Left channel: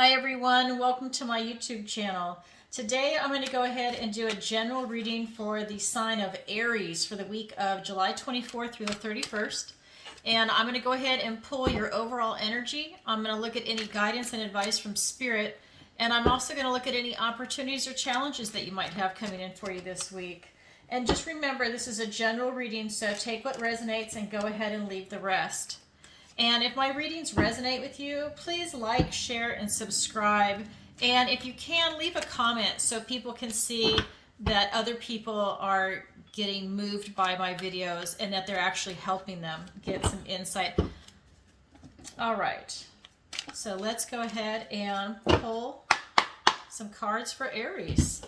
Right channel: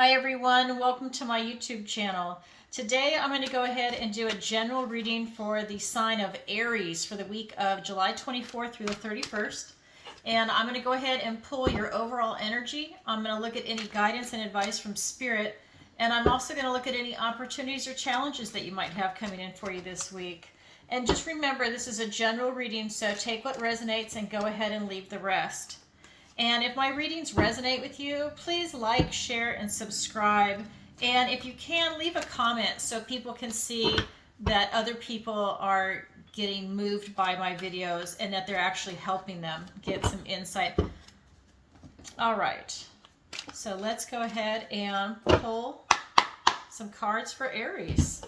Hi everyone, welcome to my YouTube channel. Today I'm going to go ahead and do a general reading for the sign of Aries for the week of July 24th through the 31st. And I'm going to go ahead and pull your overall energy. I'm going to look at any guidance and advice from Spirit. And I'm also going to look at any opportunities or challenges that you might have coming in for you this week. And just remember, this is a general reading, so take what resonates and go ahead and leave the rest. And if my readings resonate with you, please like, share, and subscribe. And if you can, leave a comment so people can see that other people are getting moved by my videos and that they're actually helping them get some insight. All right, so let's go ahead and pull some cards for Aries.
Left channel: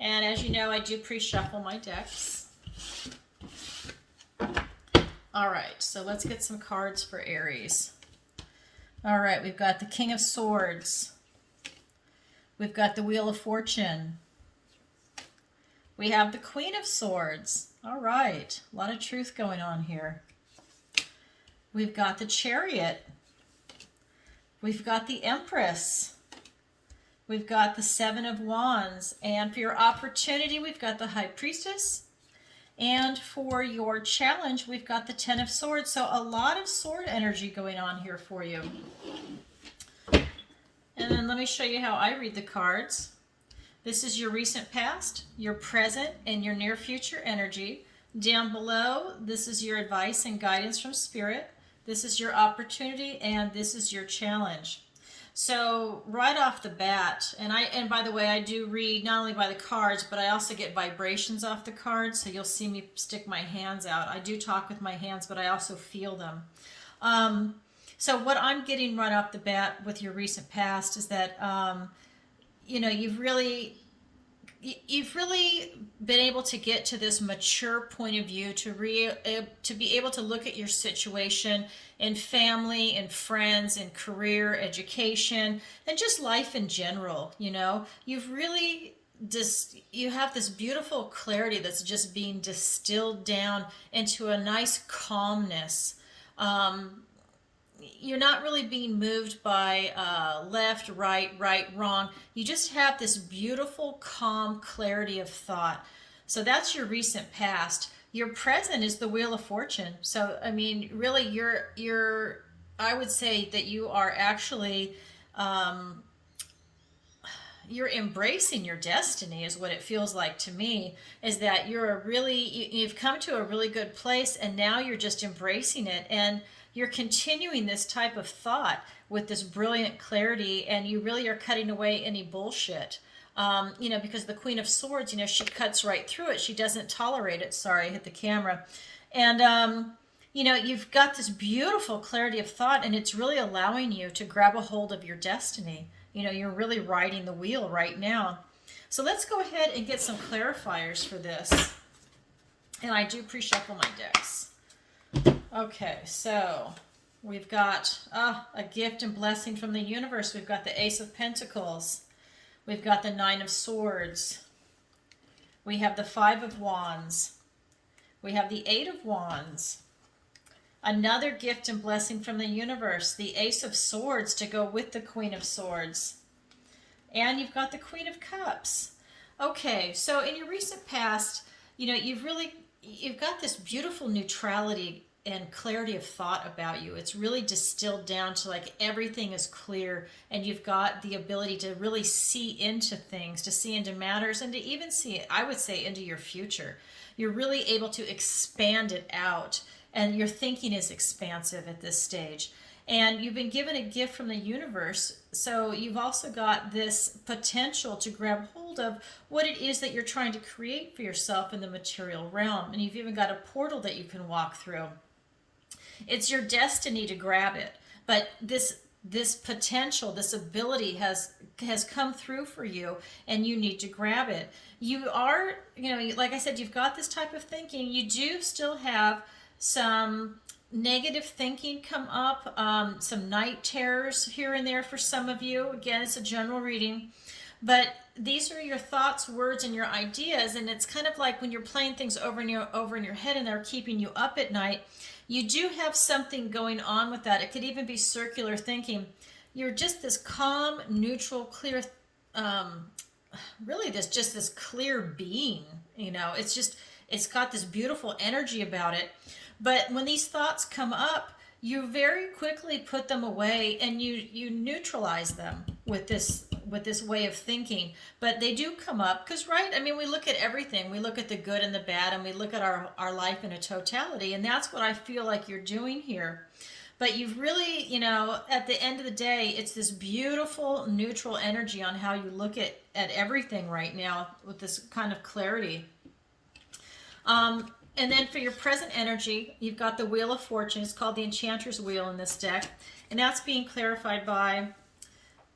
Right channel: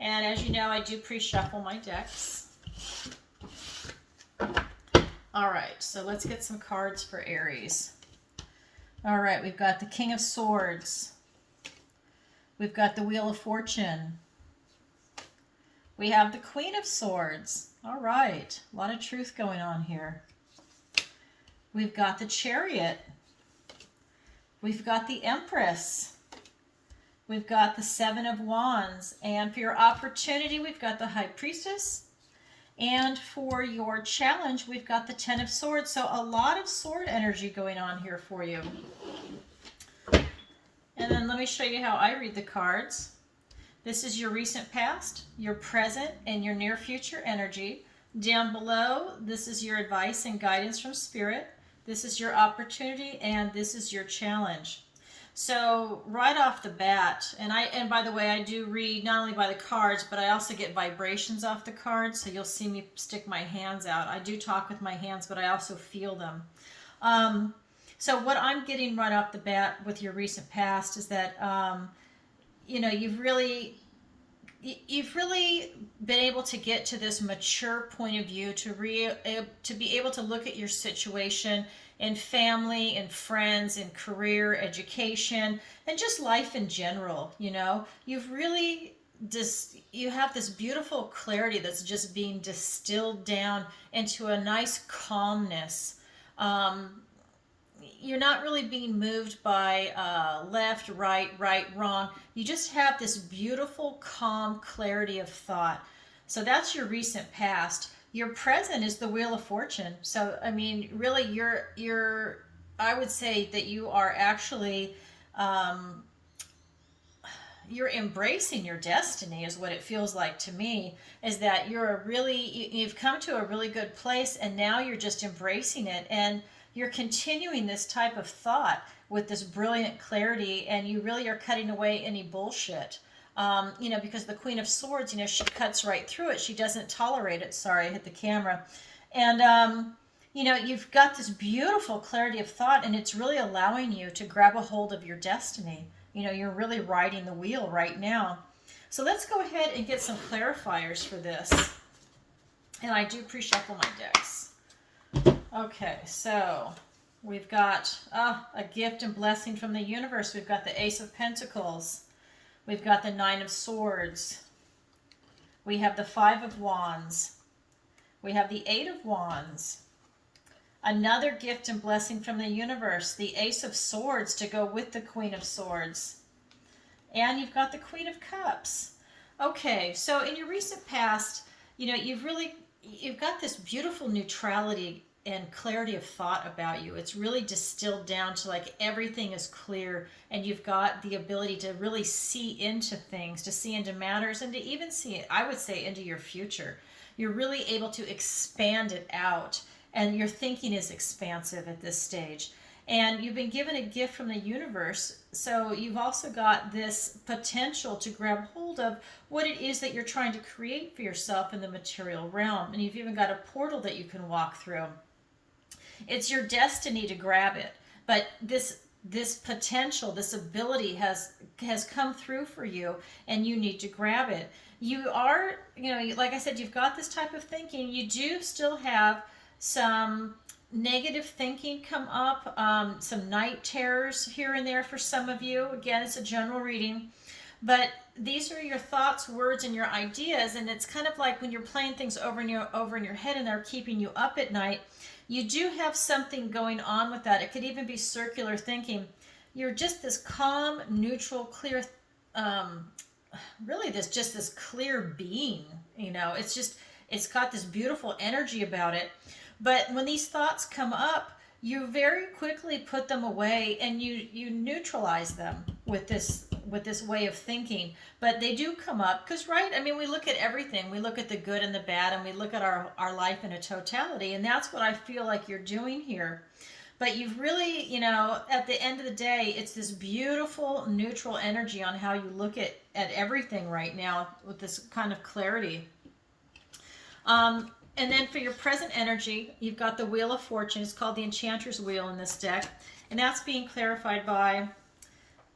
And as you know, I do pre-shuffle my decks. All right, so let's get some cards for Aries. All right, we've got the King of Swords. We've got the Wheel of Fortune. We have the Queen of Swords. All right, a lot of truth going on here. We've got the Chariot. We've got the Empress. We've got the Seven of Wands. And for your opportunity, we've got the High Priestess. And for your challenge, we've got the Ten of Swords. So a lot of sword energy going on here for you. And then let me show you how I read the cards. This is your recent past, your present, and your near future energy. Down below, this is your advice and guidance from Spirit. This is your opportunity, and this is your challenge. So right off the bat, and by the way, I do read not only by the cards, but I also get vibrations off the cards. So you'll see me stick my hands out. I do talk with my hands, but I also feel them. So what I'm getting right off the bat with your recent past is that, you've really been able to get to this mature point of view to be able to look at your situation in family and friends and career, education, and just life in general. You've really you have this beautiful clarity that's just being distilled down into a nice calmness. You're not really being moved by left, right, wrong. You just have this beautiful, calm clarity of thought. So that's your recent past. Your present is the Wheel of Fortune. So, I mean, really, I would say that you are actually, you're embracing your destiny is what it feels like to me, is that you've come to a really good place, and now you're just embracing it. And you're continuing this type of thought with this brilliant clarity, and you really are cutting away any bullshit. Because the Queen of Swords, she cuts right through it. She doesn't tolerate it. Sorry, I hit the camera. And, you've got this beautiful clarity of thought, and it's really allowing you to grab a hold of your destiny. You're really riding the wheel right now. So let's go ahead and get some clarifiers for this. And I do pre-shuffle my decks. Okay, so we've got a gift and blessing from the universe. We've got the Ace of Pentacles. We've got the Nine of Swords. We have the Five of Wands. We have the Eight of Wands. Another gift and blessing from the universe, the Ace of Swords to go with the Queen of Swords. And you've got the Queen of Cups. Okay, so in your recent past, you've got this beautiful neutrality and clarity of thought about you. It's really distilled down to like everything is clear, and you've got the ability to really see into things, to see into matters, and to even see, I would say, into your future. You're really able to expand it out, and your thinking is expansive at this stage. And you've been given a gift from the universe, so you've also got this potential to grab hold of what it is that you're trying to create for yourself in the material realm. And you've even got a portal that you can walk through. It's your destiny to grab it, but this potential, this ability has come through for you, and you need to grab it. You are, like I said, you've got this type of thinking. You do still have some negative thinking come up, some night terrors here and there for some of you. Again, it's a general reading, but these are your thoughts, words, and your ideas, and it's kind of like when you're playing things over in your head and they're keeping you up at night. You do have something going on with that. It could even be circular thinking. you're just this calm, neutral, clear, um, really this clear being. It's got this beautiful energy about it. But when these thoughts come up, you very quickly put them away, and you neutralize them with this way of thinking. But they do come up because, right, I mean, we look at everything. We look at the good and the bad, and we look at our life in a totality, and that's what I feel like you're doing here. But you've really, at the end of the day, it's this beautiful neutral energy on how you look at everything right now with this kind of clarity. And then for your present energy, you've got the Wheel of Fortune. It's called the Enchanter's Wheel in this deck. And that's being clarified by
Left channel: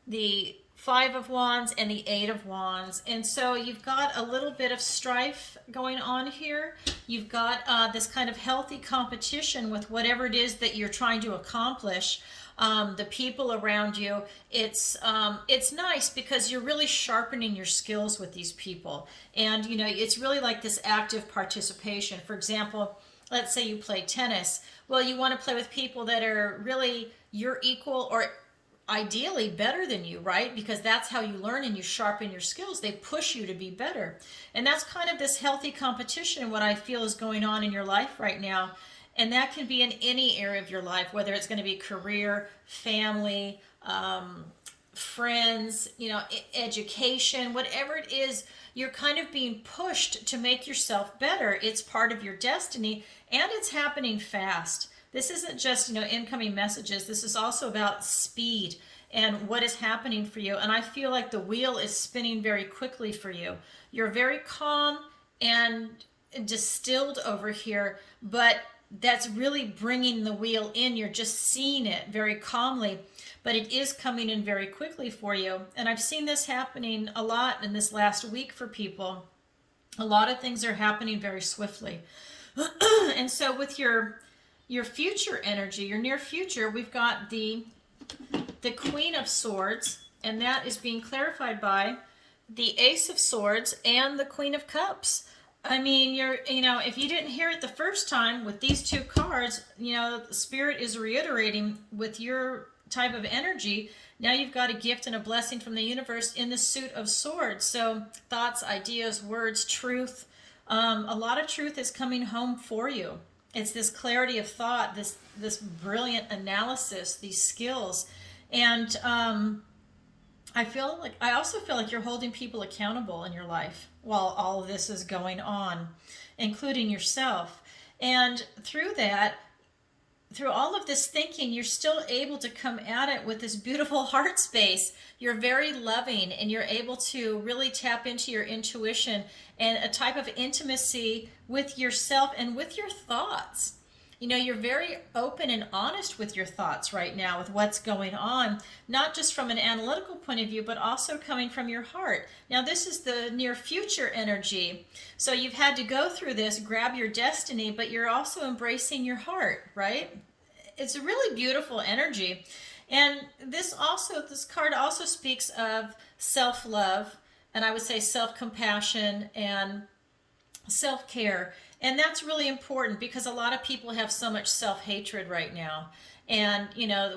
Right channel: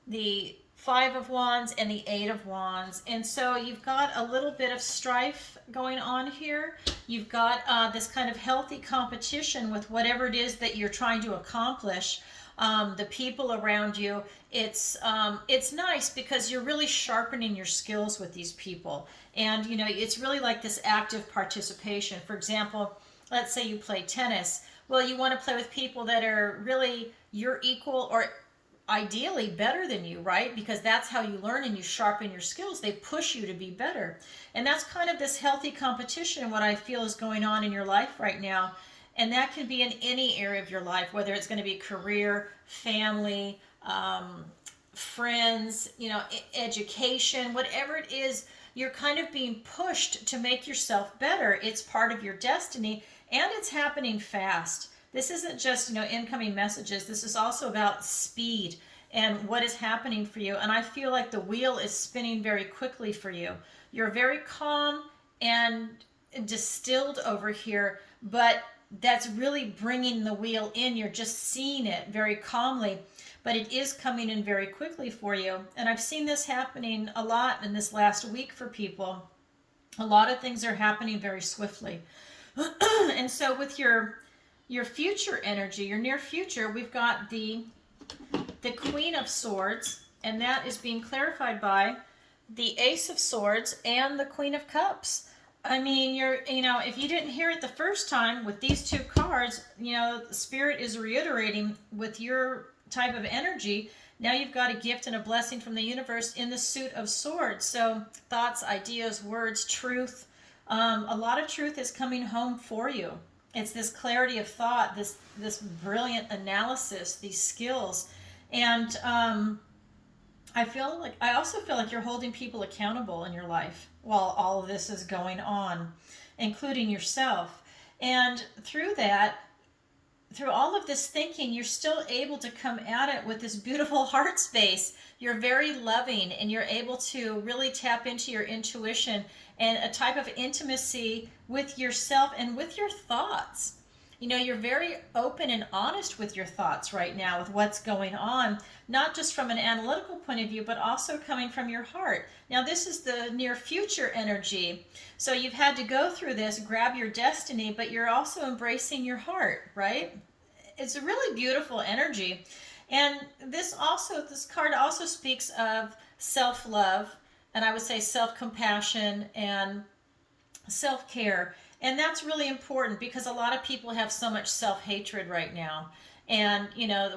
the Five of Wands and the Eight of Wands. And so you've got a little bit of strife going on here. You've got this kind of healthy competition with whatever it is that you're trying to accomplish. The people around you, it's nice because you're really sharpening your skills with these people. And, it's really like this active participation. For example, let's say you play tennis. Well, you want to play with people that are really your equal or ideally better than you, right? Because that's how you learn and you sharpen your skills. They push you to be better. And that's kind of this healthy competition, what I feel is going on in your life right now. And that can be in any area of your life, whether it's going to be career, family, friends, education, whatever it is, you're kind of being pushed to make yourself better. It's part of your destiny, and it's happening fast. This isn't just, incoming messages. This is also about speed and what is happening for you. And I feel like the wheel is spinning very quickly for you. You're very calm and distilled over here, but that's really bringing the wheel in. You're just seeing it very calmly, but it is coming in very quickly for you. And I've seen this happening a lot in this last week for people. A lot of things are happening very swiftly. And so with your future energy, your near future, we've got the Queen of Swords, and that is being clarified by the Ace of Swords and the Queen of Cups. I mean, if you didn't hear it the first time with these two cards, the Spirit is reiterating with your type of energy. Now you've got a gift and a blessing from the universe in the suit of swords. So thoughts, ideas, words, truth. A lot of truth is coming home for you. It's this clarity of thought, this brilliant analysis, these skills. And I also feel like you're holding people accountable in your life while all of this is going on, including yourself. And through all of this thinking, you're still able to come at it with this beautiful heart space. You're very loving, and you're able to really tap into your intuition and a type of intimacy with yourself and with your thoughts. You're very open and honest with your thoughts right now with what's going on, not just from an analytical point of view, but also coming from your heart. Now, this is the near future energy. So you've had to go through this, grab your destiny, but you're also embracing your heart, right? It's a really beautiful energy. And this card also speaks of self-love, and I would say self-compassion and self-care. And that's really important because a lot of people have so much self-hatred right now. And,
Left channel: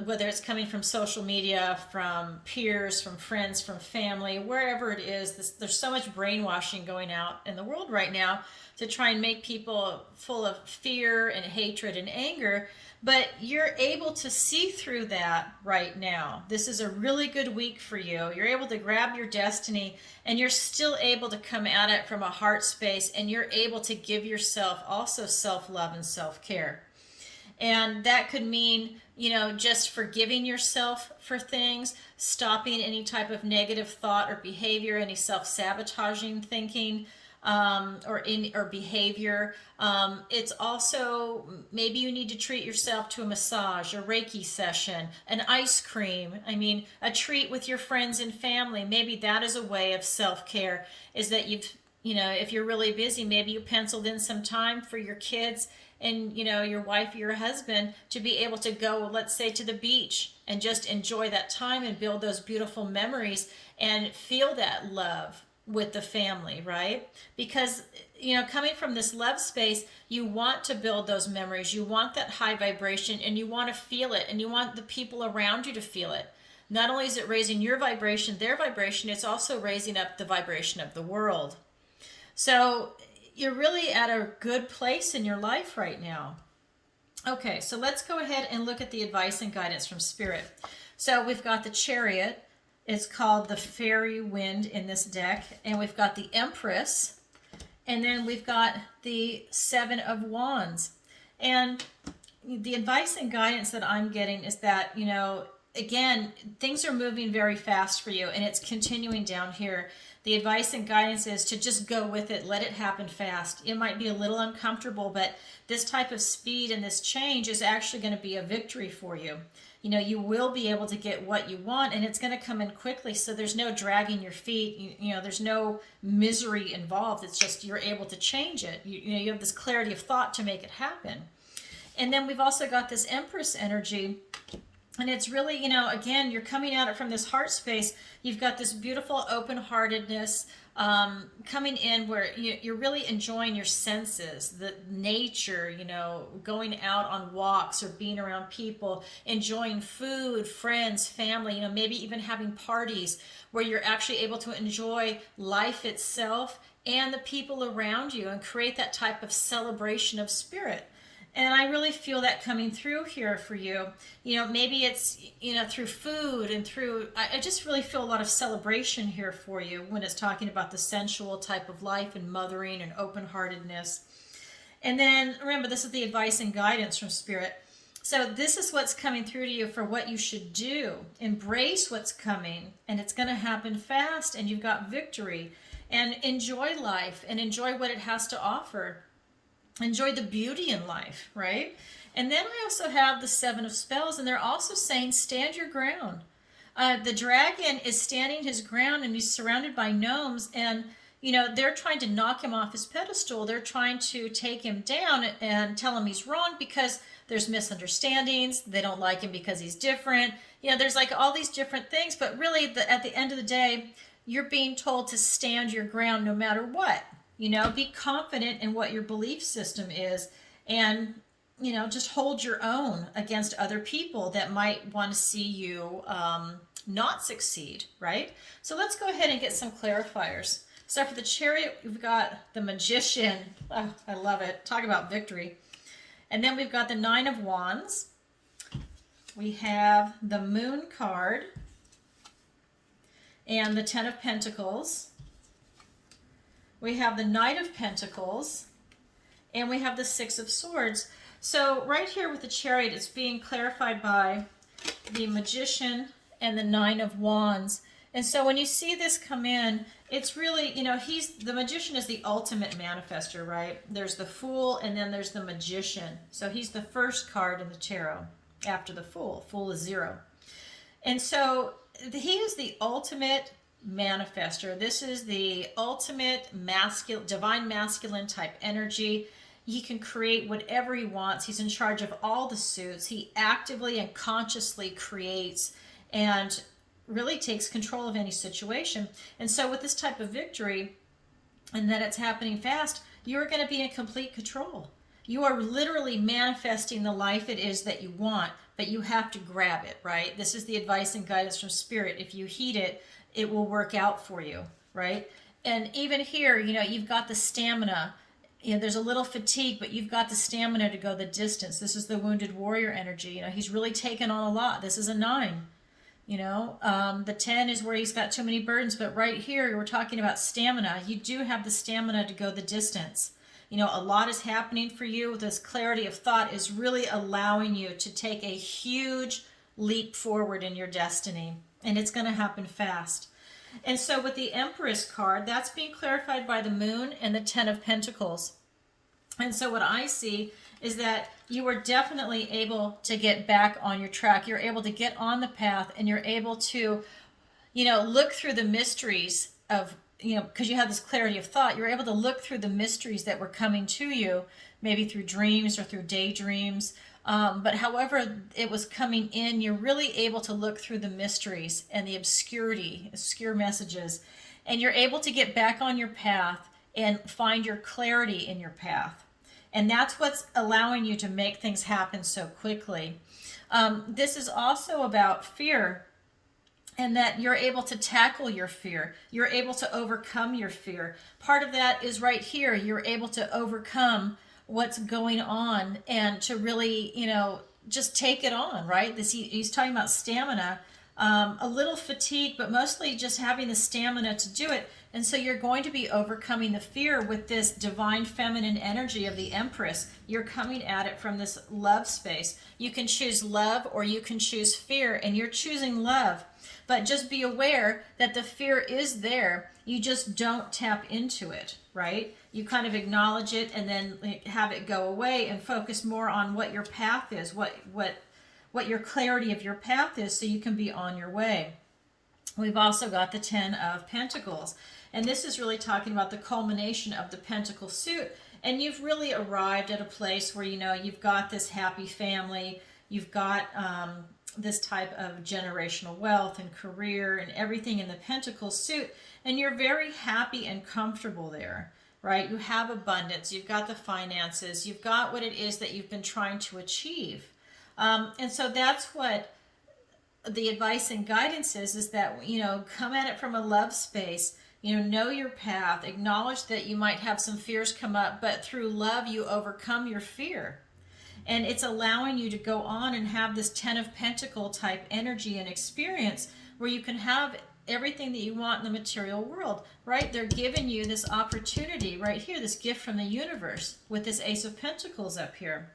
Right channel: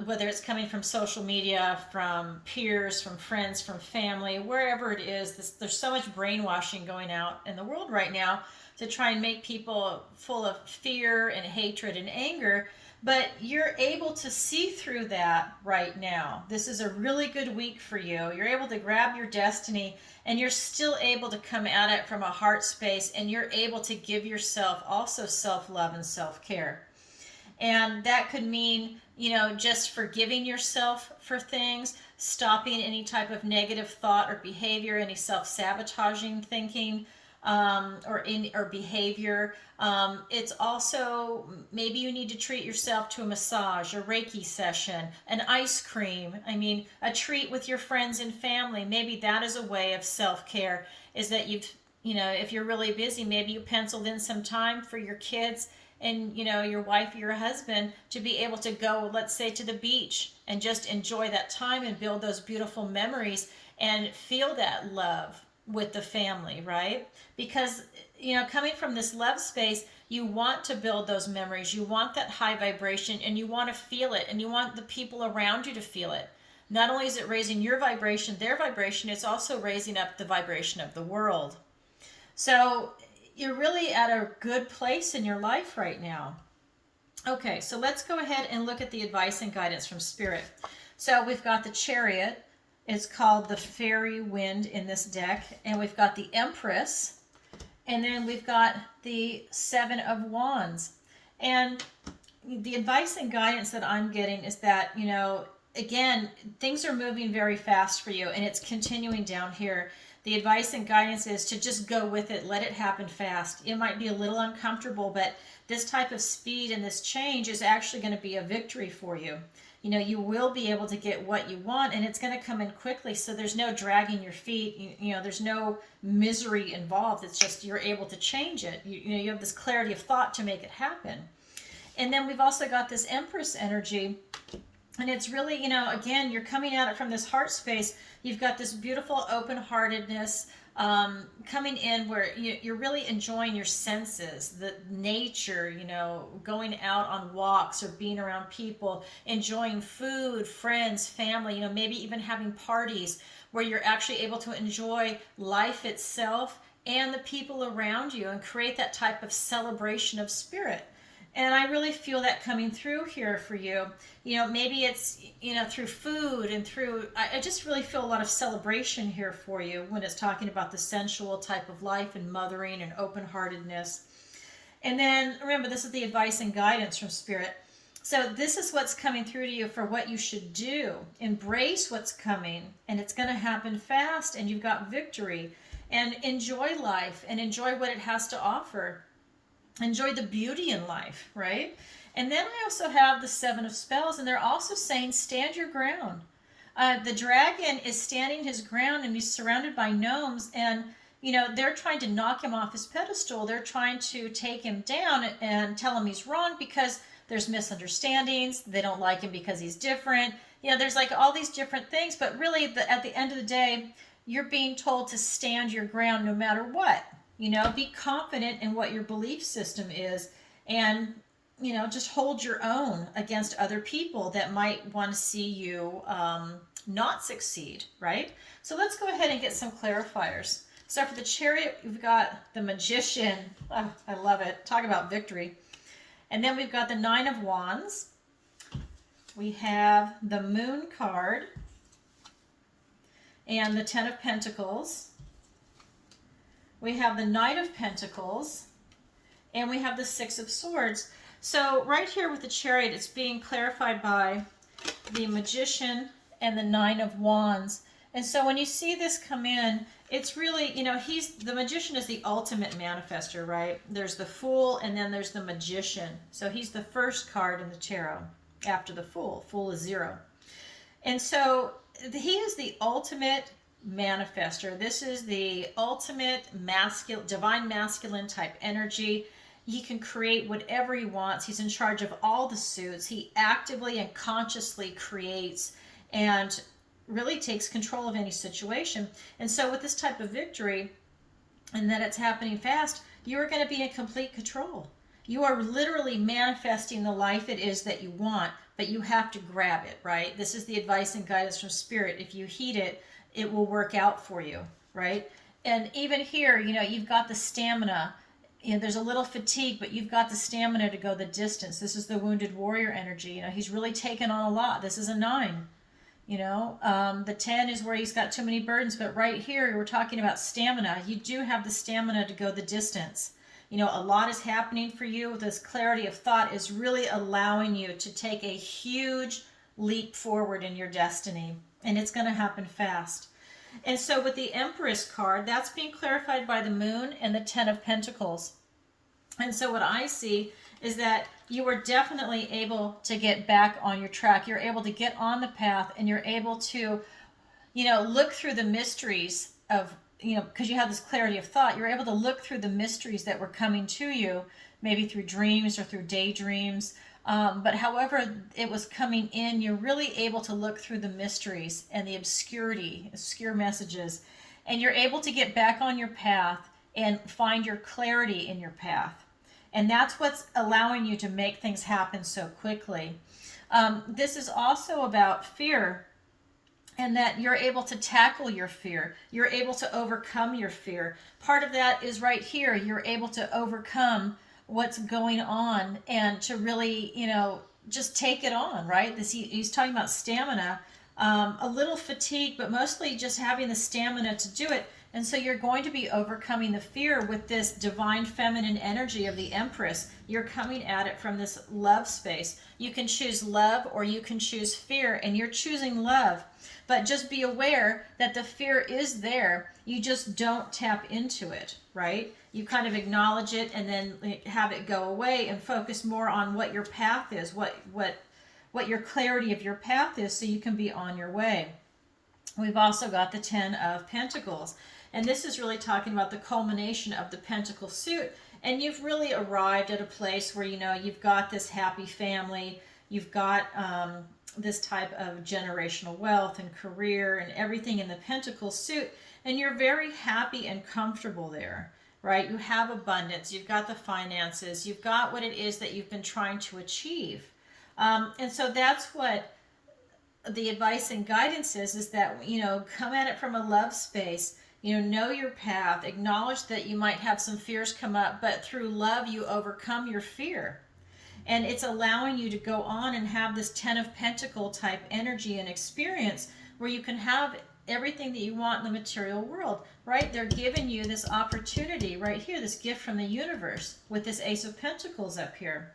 whether it's coming from social media, from peers, from friends, from family, wherever it is, there's so much brainwashing going out in the world right now to try and make people full of fear and hatred and anger. But you're able to see through that right now. This is a really good week for you. You're able to grab your destiny, and you're still able to come at it from a heart space, and you're able to give yourself also self-love and self-care. And that could mean, just forgiving yourself for things, stopping any type of negative thought or behavior, any self-sabotaging thinking, or behavior. It's also, maybe you need to treat yourself to a massage, a Reiki session, an ice cream. I mean, a treat with your friends and family. Maybe that is a way of self-care, is that if you're really busy, maybe you penciled in some time for your kids and, your wife or your husband to be able to go, let's say, to the beach and just enjoy that time and build those beautiful memories and feel that love with the family, right? Because, coming from this love space, you want to build those memories. You want that high vibration, and you want to feel it, and you want the people around you to feel it. not only is it raising your vibration, their vibration, it's also raising up the vibration of the world. So you're really at a good place in your life right now. Okay, so let's go ahead and look at the advice and guidance from Spirit. So we've got the Chariot. It's called the Fairy Wind in this deck. And we've got the Empress. And then we've got the Seven of Wands. And the advice and guidance that I'm getting is that, again, things are moving very fast for you, and it's continuing down here. The advice and guidance is to just go with it, let it happen fast. It might be a little uncomfortable, but this type of speed and this change is actually going to be a victory for you. You will be able to get what you want, and it's going to come in quickly, so there's no dragging your feet. There's no misery involved. It's just you're able to change it. You have this clarity of thought to make it happen. And then we've also got this Empress energy. And it's really, again, you're coming at it from this heart space. You've got this beautiful open-heartedness coming in where you're really enjoying your senses, the nature, going out on walks or being around people, enjoying food, friends, family, maybe even having parties where you're actually able to enjoy life itself and the people around you and create that type of celebration of spirit. And I really feel that coming through here for you. Maybe it's, through food and through, I just really feel a lot of celebration here for you when it's talking about the sensual type of life and mothering and open-heartedness. And then remember, this is the advice and guidance from Spirit. So this is what's coming through to you for what you should do. Embrace what's coming, and it's going to happen fast, and you've got victory. And enjoy life and enjoy what it has to offer. Enjoy the beauty in life, right? And then I also have the Seven of Spells, and they're also saying stand your ground. The dragon is standing his ground, and he's surrounded by gnomes, and they're trying to knock him off his pedestal. They're trying to take him down and tell him he's wrong because there's misunderstandings. They don't like him because he's different. There's like all these different things, but really at the end of the day, you're being told to stand your ground no matter what. Be confident in what your belief system is, and, just hold your own against other people that might want to see you not succeed, right? So let's go ahead and get some clarifiers. So for the Chariot, we've got the Magician. Oh, I love it. Talk about victory. And then we've got the Nine of Wands. We have the Moon card and the Ten of Pentacles. We have the Knight of Pentacles, and we have the Six of Swords. So right here with the Chariot, it's being clarified by the Magician and the Nine of Wands. And so when you see this come in, it's really, the Magician is the ultimate manifester, right? There's the Fool, and then there's the Magician. So he's the first card in the tarot after the Fool. Fool is 0. And so he is the ultimate manifester. This is the ultimate divine masculine type energy. He can create whatever he wants. He's in charge of all the suits. He actively and consciously creates and really takes control of any situation. And so with this type of victory, and that it's happening fast, you're going to be in complete control. You are literally manifesting the life it is that you want, but you have to grab it, right? This is the advice and guidance from Spirit. If you heed it, it will work out for you, right? And even here, you've got the stamina. There's a little fatigue, but you've got the stamina to go the distance. This is the wounded warrior energy. He's really taken on a lot. This is a 9. The 10 is where he's got too many burdens, but right here, we're talking about stamina. You do have the stamina to go the distance. A lot is happening for you. This clarity of thought is really allowing you to take a huge leap forward in your destiny. And it's going to happen fast. And so with the Empress card, that's being clarified by the Moon and the Ten of Pentacles. And so what I see is that you are definitely able to get back on your track. You're able to get on the path, and you're able to, look through the mysteries of, because you have this clarity of thought, you're able to look through the mysteries that were coming to you, maybe through dreams or through daydreams. But however it was coming in, you're really able to look through the mysteries and the obscure messages, and you're able to get back on your path and find your clarity in your path. And that's what's allowing you to make things happen so quickly. This is also about fear. and that you're able to tackle your fear. You're able to overcome your fear. Part of that is right here. You're able to overcome what's going on and to really, just take it on, right? He's talking about stamina, a little fatigue, but mostly just having the stamina to do it. And so you're going to be overcoming the fear with this divine feminine energy of the Empress. You're coming at it from this love space. You can choose love or you can choose fear, and you're choosing love. But just be aware that the fear is there. You just don't tap into it, right? You kind of acknowledge it and then have it go away and focus more on what your path is, what your clarity of your path is, so you can be on your way. We've also got the 10 of Pentacles. And this is really talking about the culmination of the Pentacle suit. And you've really arrived at a place where, you've got this happy family. You've got this type of generational wealth and career and everything in the Pentacle suit. And you're very happy and comfortable there, right? You have abundance. You've got the finances. You've got what it is that you've been trying to achieve. And so that's what the advice and guidance is that, come at it from a love space. Know your path, acknowledge that you might have some fears come up, but through love you overcome your fear. And it's allowing you to go on and have this 10 of Pentacle type energy and experience where you can have everything that you want in the material world, right? They're giving you this opportunity right here, this gift from the universe with this Ace of Pentacles up here.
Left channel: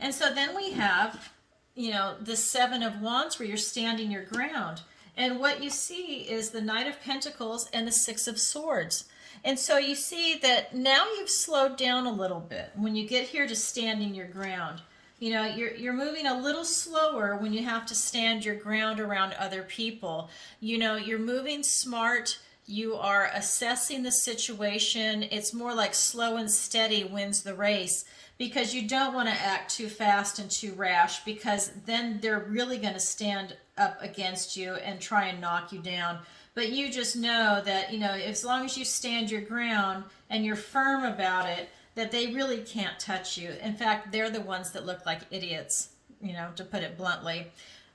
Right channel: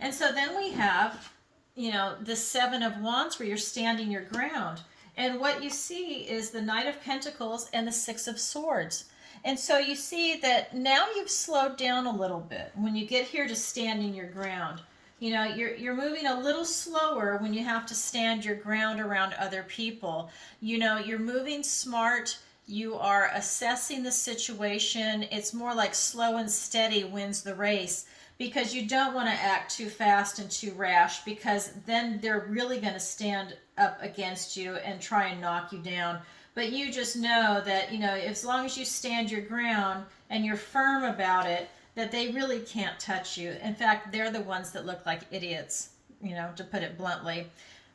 And so then we have, the 7 of Wands where you're standing your ground. And what you see is the Knight of Pentacles and the 6 of Swords. And so you see that now you've slowed down a little bit when you get here to standing your ground. You're moving a little slower when you have to stand your ground around other people. You're moving smart. You are assessing the situation. It's more like slow and steady wins the race, because you don't want to act too fast and too rash, because then they're really going to stand up against you and try and knock you down. But you just know that, as long as you stand your ground and you're firm about it, that they really can't touch you. In fact, they're the ones that look like idiots, to put it bluntly.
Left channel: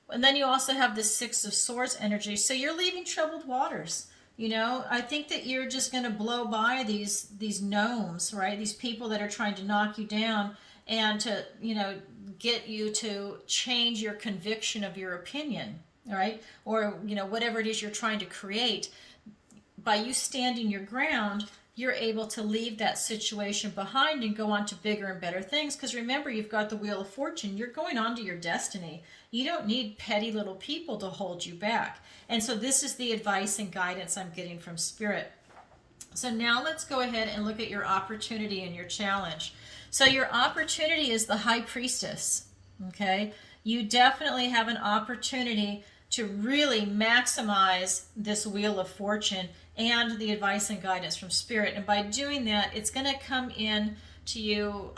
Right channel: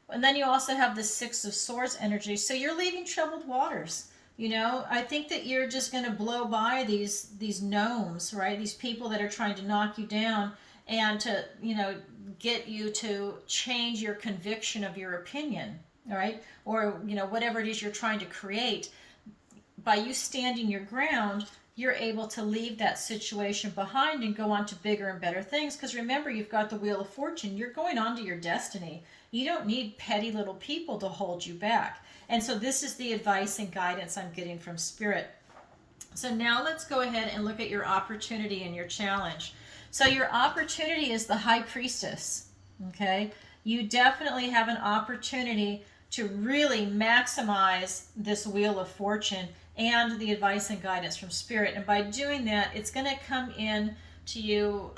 And then you also have the 6 of Swords energy. So you're leaving troubled waters. I think that you're just going to blow by these gnomes, right? These people that are trying to knock you down and to, get you to change your conviction of your opinion, right? Or, whatever it is you're trying to create. By you standing your ground, you're able to leave that situation behind and go on to bigger and better things. Because remember, you've got the Wheel of Fortune. You're going on to your destiny. You don't need petty little people to hold you back. And so this is the advice and guidance I'm getting from Spirit. So now let's go ahead and look at your opportunity and your challenge. So your opportunity is the High Priestess, okay? You definitely have an opportunity to really maximize this Wheel of Fortune and the advice and guidance from Spirit. And by doing that, it's going to come in to you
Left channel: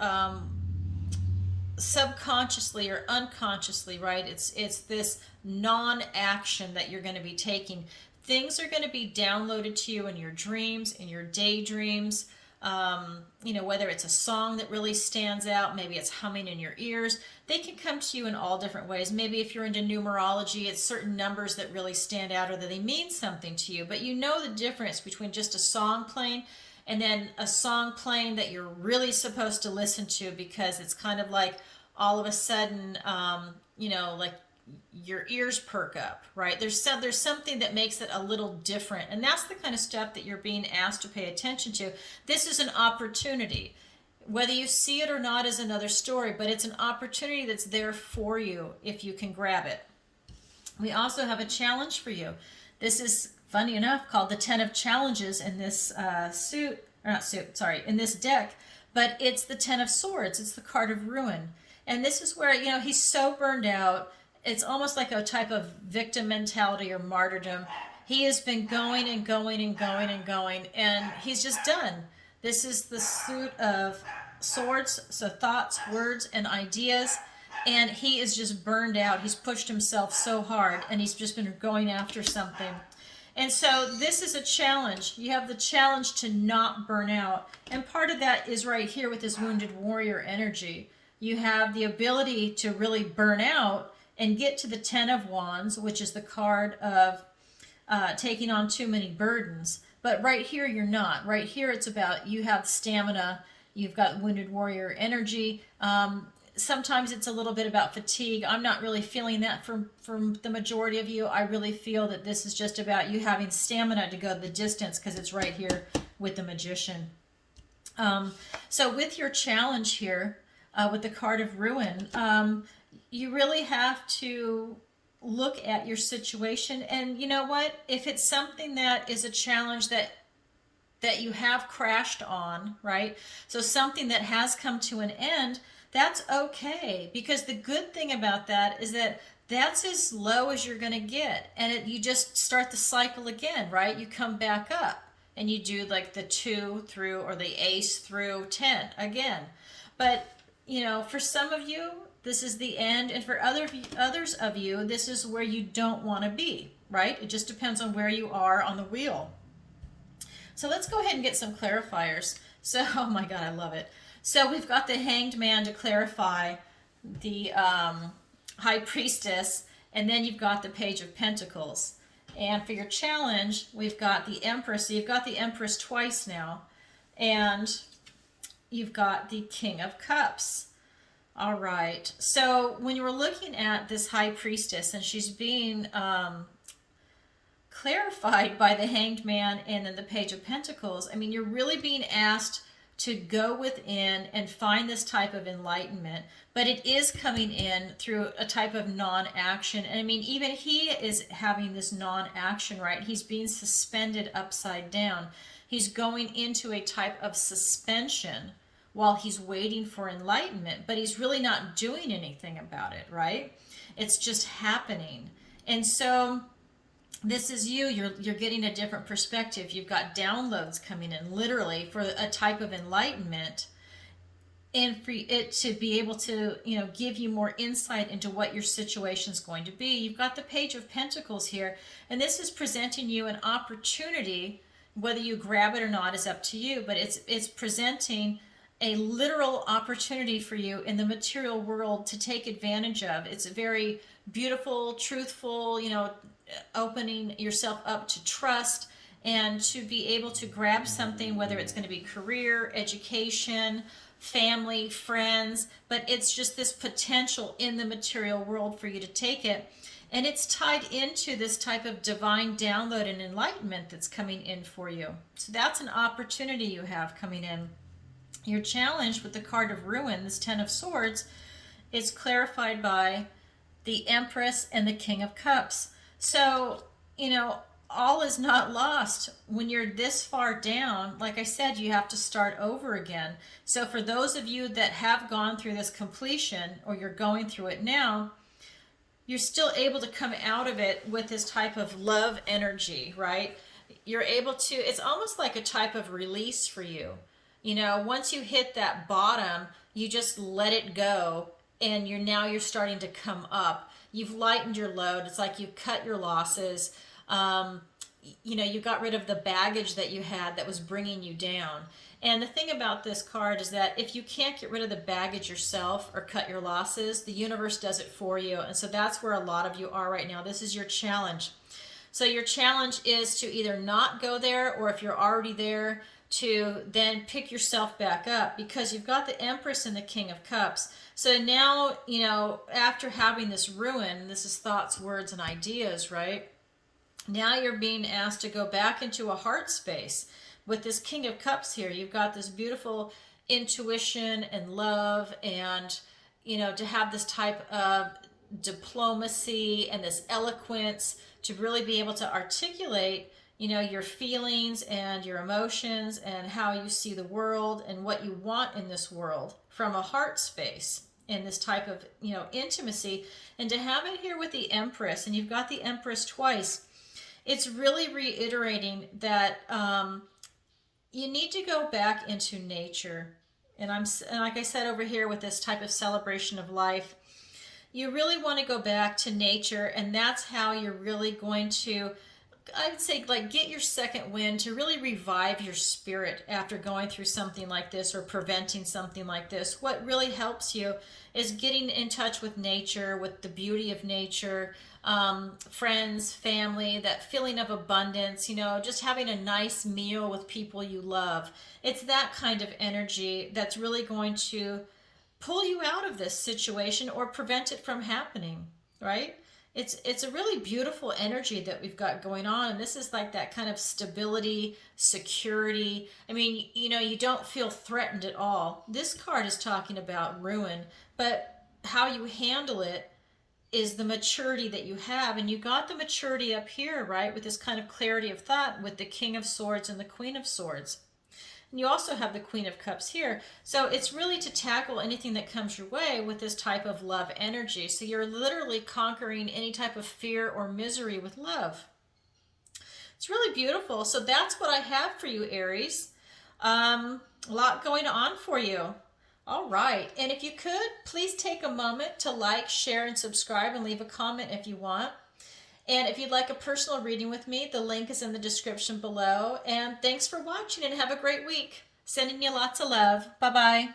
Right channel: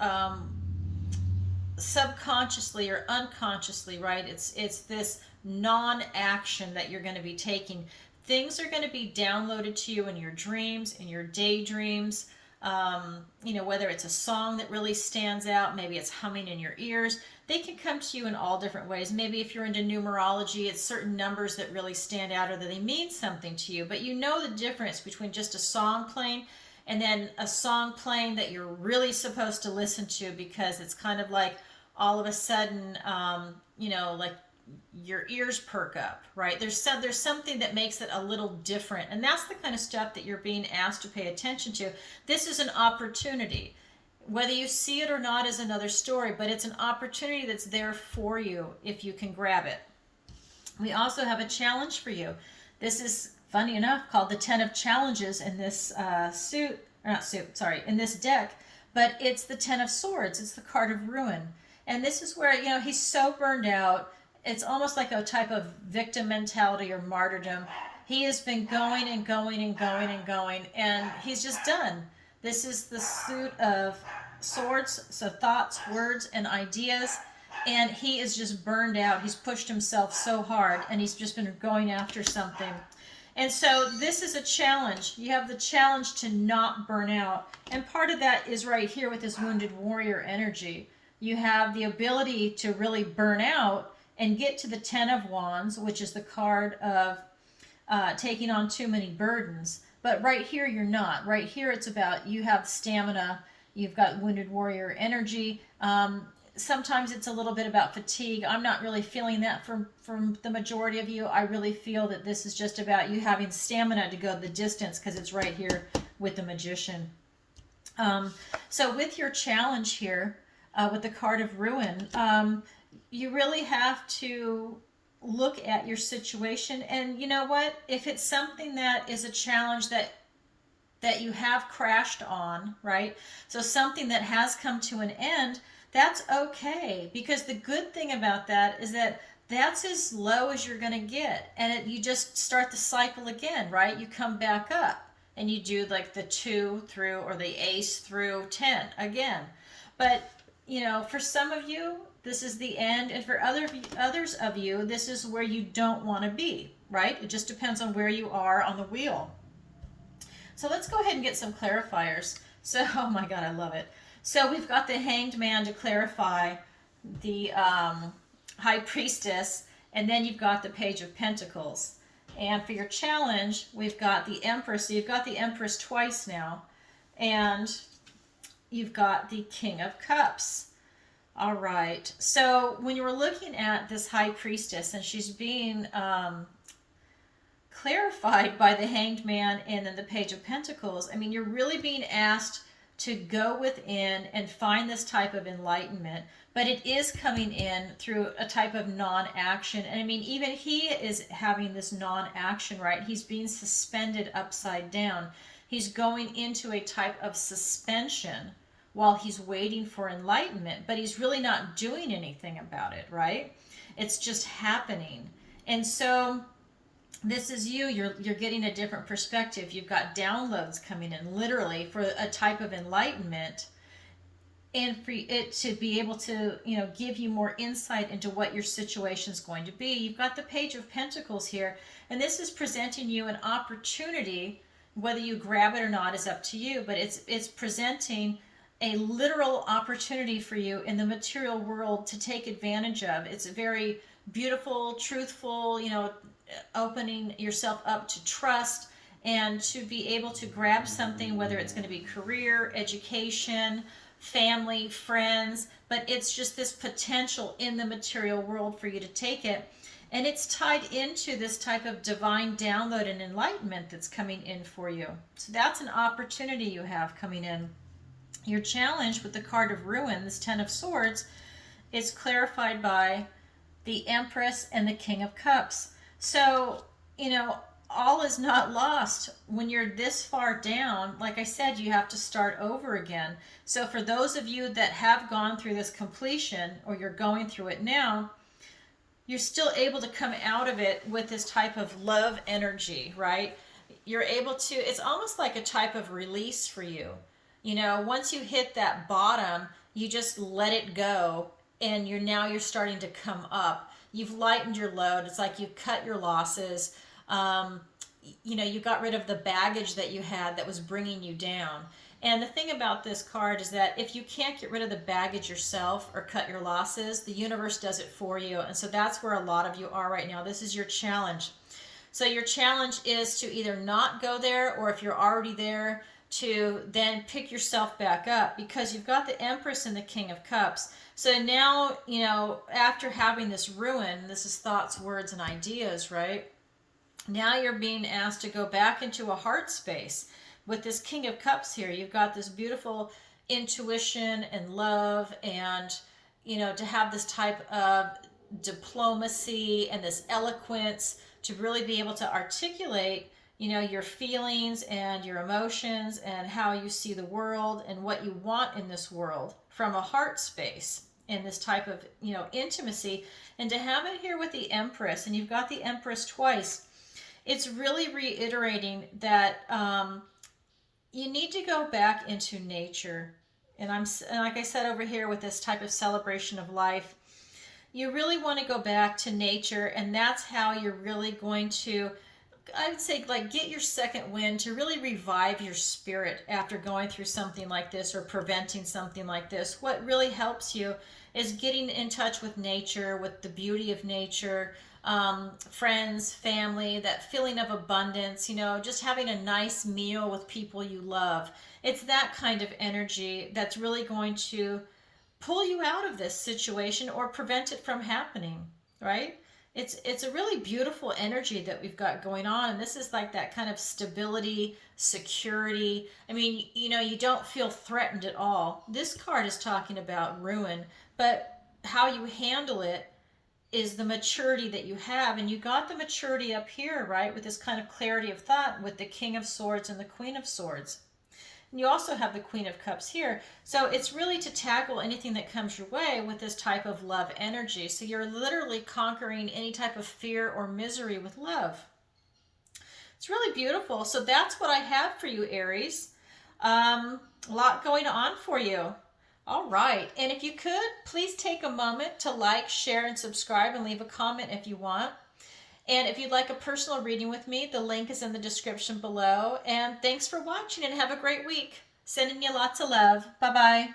subconsciously or unconsciously, right? It's this non-action that you're going to be taking. Things are going to be downloaded to you in your dreams, in your daydreams. Whether it's a song that really stands out, maybe it's humming in your ears. They can come to you in all different ways. Maybe if you're into numerology, it's certain numbers that really stand out or that they mean something to you. But you know the difference between just a song playing and then a song playing that you're really supposed to listen to, because it's kind of like all of a sudden, like your ears perk up, right? There's something that makes it a little different. And that's the kind of stuff that you're being asked to pay attention to. This is an opportunity. Whether you see it or not is another story, but it's an opportunity that's there for you if you can grab it. We also have a challenge for you. This is, funny enough, called the 10 of Challenges in this in this deck, but it's the 10 of Swords. It's the card of ruin. And this is where, he's so burned out. It's almost like a type of victim mentality or martyrdom. He has been going and going and going and going, and he's just done. This is the suit of Swords, so thoughts, words, and ideas, and he is just burned out. He's pushed himself so hard, and he's just been going after something. And so this is a challenge. You have the challenge to not burn out, and part of that is right here with this wounded warrior energy. You have the ability to really burn out and get to the Ten of Wands, which is the card of taking on too many burdens. But right here, you're not. Right here, it's about you have stamina, you've got wounded warrior energy. Sometimes it's a little bit about fatigue. I'm not really feeling that from the majority of you. I really feel that this is just about you having stamina to go the distance, because it's right here with the Magician. So with your challenge here, with the card of ruin, you really have to look at your situation. And you know what? If it's something that is a challenge that you have crashed on, right? So something that has come to an end, that's okay. Because the good thing about that is that that's as low as you're going to get. And you just start the cycle again, right? You come back up and you do like the 2 through, or the ace through 10 again. But, you know, for some of you, this is the end. And for others of you, this is where you don't want to be, right? It just depends on where you are on the wheel. So let's go ahead and get some clarifiers. So, oh my God, I love it. So we've got the Hanged Man to clarify, the High Priestess, and then you've got the Page of Pentacles. And for your challenge, we've got the Empress. So you've got the Empress twice now. And you've got the King of Cups. All right. So when you were looking at this High Priestess, and she's being clarified by the Hanged Man and then the Page of Pentacles, I mean, you're really being asked to go within and find this type of enlightenment, but it is coming in through a type of non-action. And I mean, even he is having this non-action, right? He's being suspended upside down. He's going into a type of suspension while he's waiting for enlightenment, but he's really not doing anything about it, right? It's just happening. And so this is you're getting a different perspective. You've got downloads coming in, literally, for a type of enlightenment, and for it to be able to, you know, give you more insight into what your situation is going to be. You've got the Page of Pentacles here, and this is presenting you an opportunity. Whether you grab it or not is up to you, but it's presenting a literal opportunity for you in the material world to take advantage of. It's a very beautiful, truthful, you know, opening yourself up to trust and to be able to grab something, whether it's going to be career, education, family, friends, but it's just this potential in the material world for you to take it. And it's tied into this type of divine download and enlightenment that's coming in for you. So that's an opportunity you have coming in. Your challenge with the card of ruin, this 10 of Swords, is clarified by the Empress and the King of Cups. So, you know, all is not lost. When you're this far down, like I said, you have to start over again. So for those of you that have gone through this completion, or you're going through it now, you're still able to come out of it with this type of love energy, right? You're able to, it's almost like a type of release for you. You know, once you hit that bottom, you just let it go, and you're starting to come up. You've lightened your load. It's like you've cut your losses. You know, you got rid of the baggage that you had that was bringing you down. And the thing about this card is that if you can't get rid of the baggage yourself or cut your losses, the universe does it for you. And so that's where a lot of you are right now. This is your challenge. So your challenge is to either not go there, or if you're already there, to then pick yourself back up, because you've got the Empress and the King of Cups. So now, you know, after having this ruin, this is thoughts, words, and ideas, right? Now you're being asked to go back into a heart space. With this King of Cups here, you've got this beautiful intuition and love, and, you know, to have this type of diplomacy and this eloquence to really be able to articulate, you know, your feelings and your emotions and how you see the world and what you want in this world from a heart space, in this type of, you know, intimacy. And to have it here with the Empress, and you've got the Empress twice, it's really reiterating that you need to go back into nature. And like I said over here with this type of celebration of life, you really want to go back to nature, and that's how you're really going to I would say, like, get your second wind to really revive your spirit after going through something like this or preventing something like this. What really helps you is getting in touch with nature, with the beauty of nature, friends, family, that feeling of abundance, just having a nice meal with people you love. It's that kind of energy that's really going to pull you out of this situation or prevent it from happening, right? It's a really beautiful energy that we've got going on, and this is like that kind of stability, security. I mean, you don't feel threatened at all. This card is talking about ruin, but how you handle it is the maturity that you have, and you got the maturity up here, right, with this kind of clarity of thought with the King of Swords and the Queen of Swords. And you also have the Queen of Cups here. So it's really to tackle anything that comes your way with this type of love energy. So you're literally conquering any type of fear or misery with love. It's really beautiful. So that's what I have for you, Aries. A lot going on for you. All right. And if you could, please take a moment to like, share, and subscribe, and leave a comment if you want. And if you'd like a personal reading with me, the link is in the description below. And thanks for watching, and have a great week. Sending you lots of love. Bye-bye.